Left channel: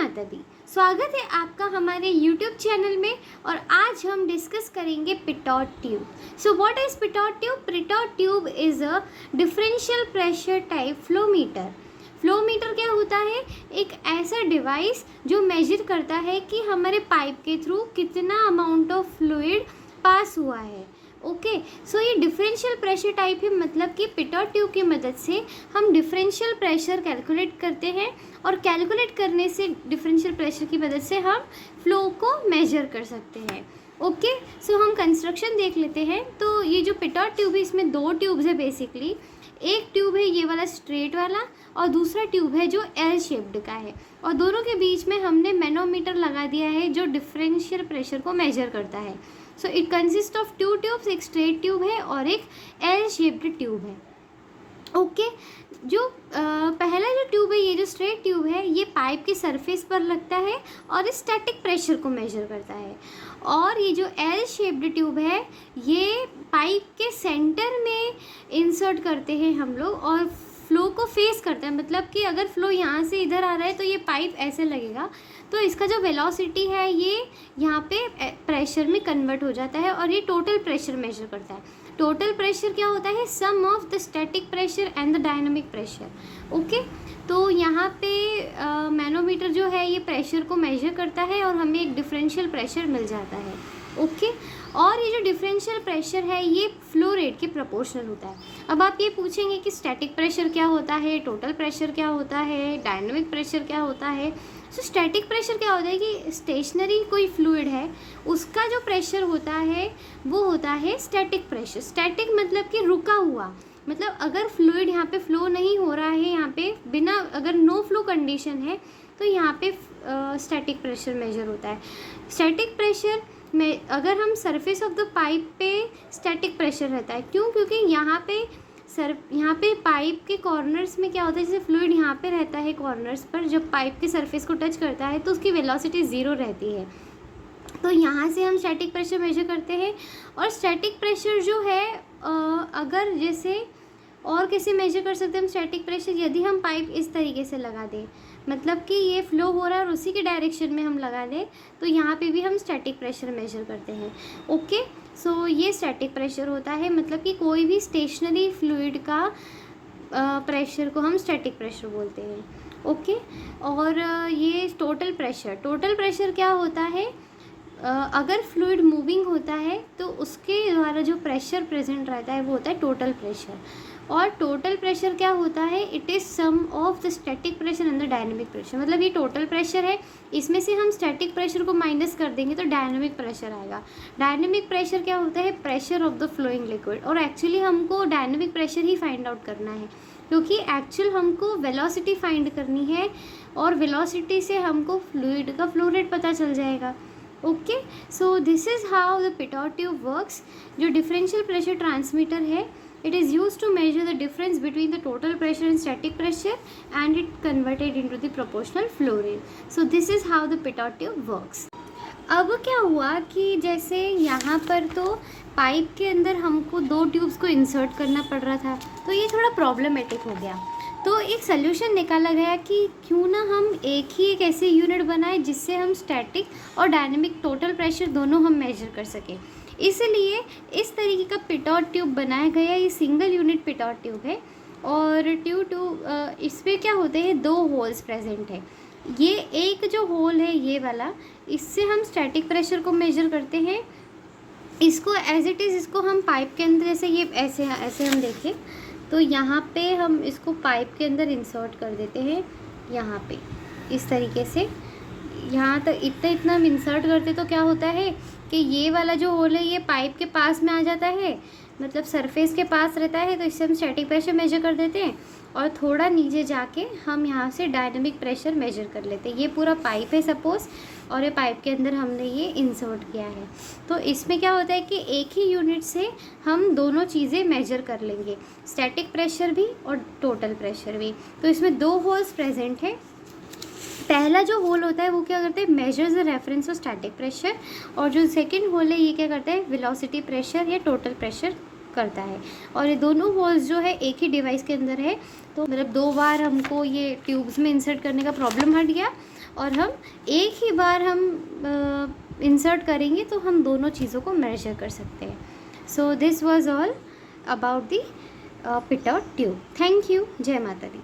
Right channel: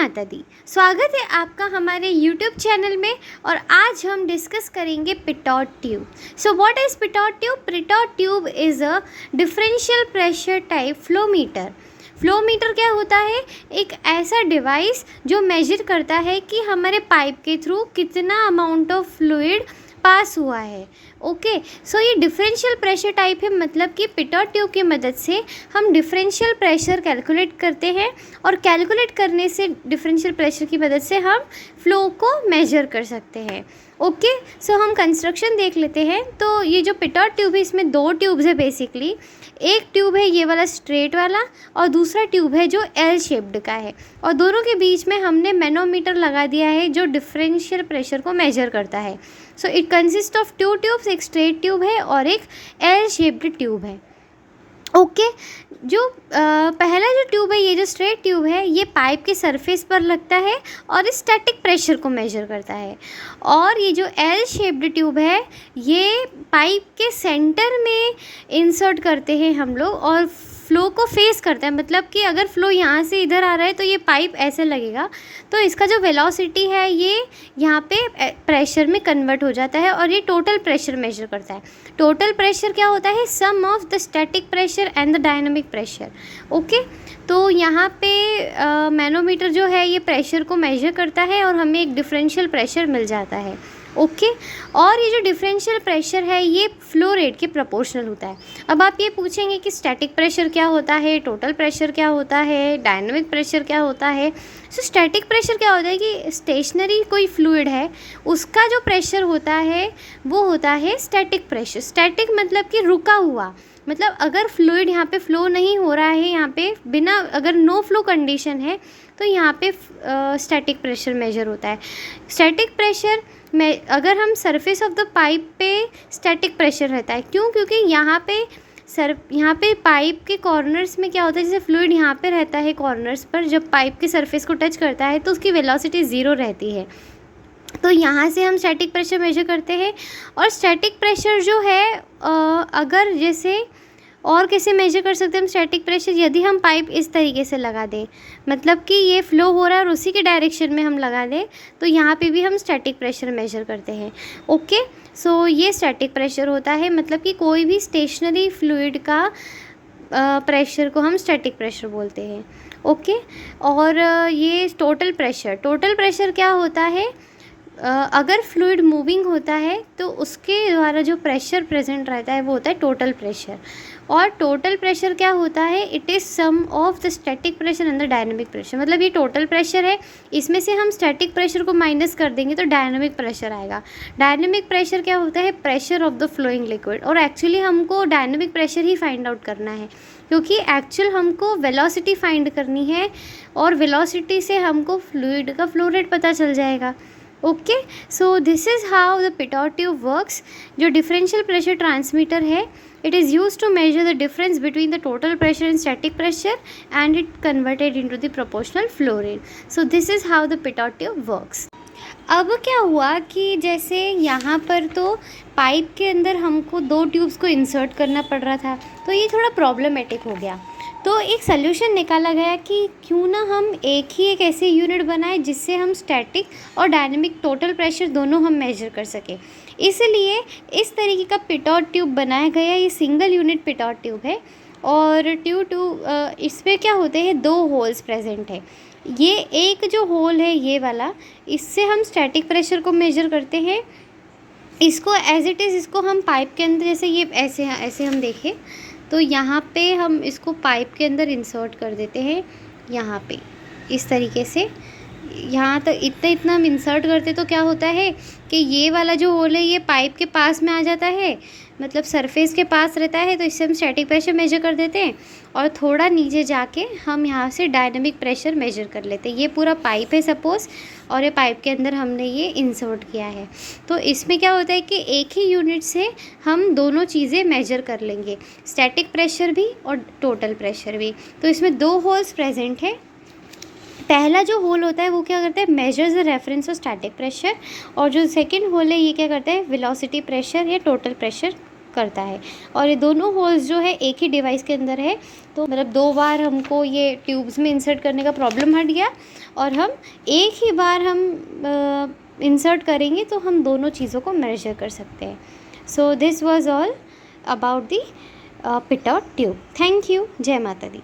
माता दी। स्वागत है आपका हमारे YouTube चैनल में। और आज हम डिस्कस करेंगे Pitot tube. So what is Pitot tube? Pitot tube is a differential pressure type flow meter. Flow meter क्या होता है? एक ऐसा डिवाइस जो मेजर करता है कि हमारे पाइप के थ्रू कितना अमाउंट ऑफ फ्लूइड पास हुआ है। ओके, सो ये डिफरेंशियल प्रेशर टाइप है, मतलब कि पिटोट ट्यूब की मदद से हम डिफरेंशियल प्रेशर कैलकुलेट करते हैं और कैलकुलेट करने से डिफरेंशियल प्रेशर की मदद से हम फ्लो को मेजर कर सकते हैं। ओके, सो हम कंस्ट्रक्शन देख लेते हैं। तो ये जो पिटोट ट्यूब है इसमें दो ट्यूब्स है बेसिकली। एक ट्यूब है ये वाला स्ट्रेट वाला और दूसरा ट्यूब है जो एल शेप्ड का है, और दोनों के बीच में हमने मैनोमीटर लगा दिया है जो डिफरेंशियल प्रेशर को मेजर करता है। So it consist of two tubes, एक स्ट्रेट ट्यूब है और एक एल शेप्ड ट्यूब है। ओके, जो पहला जो ट्यूब है, ये जो स्ट्रेट ट्यूब है, ये पाइप के सरफेस पर लगता है और स्टैटिक प्रेशर को मेजर करता है। और ये जो एल शेप्ड ट्यूब है ये पाइप के सेंटर में इंसर्ट करते हैं हम लोग और फ्लो को फेस करता है। मतलब कि अगर फ्लो यहाँ से इधर आ रहा है तो ये पाइप ऐसे लगेगा, तो इसका जो वेलोसिटी है ये यहाँ पे प्रेशर में कन्वर्ट हो जाता है और ये टोटल प्रेशर मेजर करता है। टोटल प्रेशर क्या होता है? Sum of the static pressure and the dynamic pressure. Okay, तो यहाँ पे मैनोमीटर जो है ये प्रेशर को मेजर करता है और हमें एक डिफरेंशियल प्रेशर मिल जाता है। ओके, और ये जो डिफरेंशियल प्रेशर है ये फ्लो रेट के प्रोपोर्शनल होता है। अब आप ये पूछेंगे कि स्टैटिक प्रेशर क्या होता है, टोटल प्रेशर क्या होता है, डायनामिक प्रेशर क्या होता है। सो स्टैटिक प्रेशर क्या होता है कि स्टेशनरी कोई फ्लूइड है उसका जो प्रेशर होता है वो होता है स्टैटिक प्रेशर। स्टैटिक मतलब कि रुका हुआ, मतलब अगर फ्लूइड यहाँ पे फ्लो नहीं हो रहा है, यहाँ पे बिना, अगर नो फ्लो कंडीशन है तो यहाँ पे स्टैटिक प्रेशर मेजर होता है। स्टैटिक प्रेशर में अगर हम सरफेस ऑफ द पाइप पे स्टैटिक प्रेशर रहता है, क्यों? क्योंकि यहाँ पे पाइप के कॉर्नर्स में क्या होता है, जैसे फ्लूइड यहाँ पे रहता है कॉर्नर्स पर, जब पाइप के सरफेस को टच करता है तो उसकी वेलोसिटी ज़ीरो रहती है। तो यहाँ से हम स्टैटिक प्रेशर मेजर करते हैं। और स्टैटिक प्रेशर जो है अगर जैसे और कैसे मेजर कर सकते हैं हम स्टैटिक प्रेशर? यदि हम पाइप इस तरीके से लगा दें, मतलब कि ये फ्लो हो रहा है और उसी के डायरेक्शन में हम लगा दें, तो यहाँ पे भी हम स्टैटिक प्रेशर मेजर करते हैं। ओके, सो ये स्टैटिक प्रेशर होता है, मतलब कि कोई भी स्टेशनरी फ्लूइड का प्रेशर को हम स्टैटिक प्रेशर बोलते हैं। ओके, और ये टोटल प्रेशर क्या होता है? अगर फ्लूइड मूविंग होता है तो उसके द्वारा जो प्रेशर प्रेजेंट रहता है वो होता है टोटल प्रेशर। और टोटल प्रेशर क्या होता है? It is sum of the static pressure and the dynamic pressure. मतलब ये टोटल प्रेशर है, इसमें से हम स्टैटिक प्रेशर को माइनस कर देंगे तो डायनामिक प्रेशर आएगा। डायनामिक प्रेशर क्या होता है? Pressure of the flowing liquid. और एक्चुअली हमको डायनामिक प्रेशर ही फाइंड आउट करना है, क्योंकि एक्चुअल हमको वेलोसिटी फाइंड करनी है और वेलोसिटी से हमको फ्लूइड का फ्लो रेट पता चल जाएगा। Okay, so this is how the Pitot tube works. जो डिफरेंशियल प्रेशर ट्रांसमीटर है, it is used to measure the difference between the total pressure and static pressure and it converted into the proportional flow rate. So this is how the pitot tube works. अब क्या हुआ कि जैसे यहाँ पर तो pipe के अंदर हमको दो ट्यूब्स को इंसर्ट करना पड़ रहा था, तो ये थोड़ा प्रॉब्लमेटिक हो गया। तो एक सल्यूशन निकाला गया कि क्यों ना हम एक ऐसे यूनिट बनाए जिससे हम स्टैटिक और डायनेमिक टोटल प्रेशर दोनों हम मेजर कर सकें। इसलिए इस तरीके का पिटोट ट्यूब बनाया गया। ये सिंगल यूनिट पिटोट ट्यूब है और इसमें क्या होते हैं, दो होल्स प्रेजेंट है। ये एक जो होल है ये वाला, इससे हम स्टैटिक प्रेशर को मेजर करते हैं। इसको एज इट इज़ इसको हम पाइप के अंदर, जैसे ये ऐसे हम देखें तो यहाँ पे हम इसको पाइप के अंदर इंसर्ट कर देते हैं। यहाँ पे इस तरीके से यहाँ तक इतना हम इंसर्ट करते तो क्या होता है कि ये वाला जो होल है ये पाइप के पास में आ जाता है, मतलब सरफेस के पास रहता है, तो इससे हम स्टैटिक प्रेशर मेजर कर देते हैं। और थोड़ा नीचे जाके हम यहाँ से डायनामिक प्रेशर मेजर कर लेते हैं। ये पूरा पाइप है सपोज़, और ये पाइप के अंदर हमने ये इंसर्ट किया है। तो इसमें क्या होता है कि एक ही यूनिट से हम दोनों चीज़ें मेजर कर लेंगे, स्टैटिक प्रेशर भी और टोटल प्रेशर भी। तो इसमें दो होल्स प्रेजेंट है। पहला जो होल होता है वो क्या करता है, measures the reference of static pressure, और जो सेकंड होल है ये क्या करता है, वेलोसिटी प्रेशर या टोटल प्रेशर करता है। और ये दोनों होल्स जो है एक ही डिवाइस के अंदर है, तो मतलब दो बार हमको ये ट्यूब्स में इंसर्ट करने का प्रॉब्लम हट गया। और हम एक ही बार हम इंसर्ट करेंगे तो हम दोनों चीज़ों को मेजर कर सकते हैं. So this was all about the pitot tube. Thank you. जय माता दी.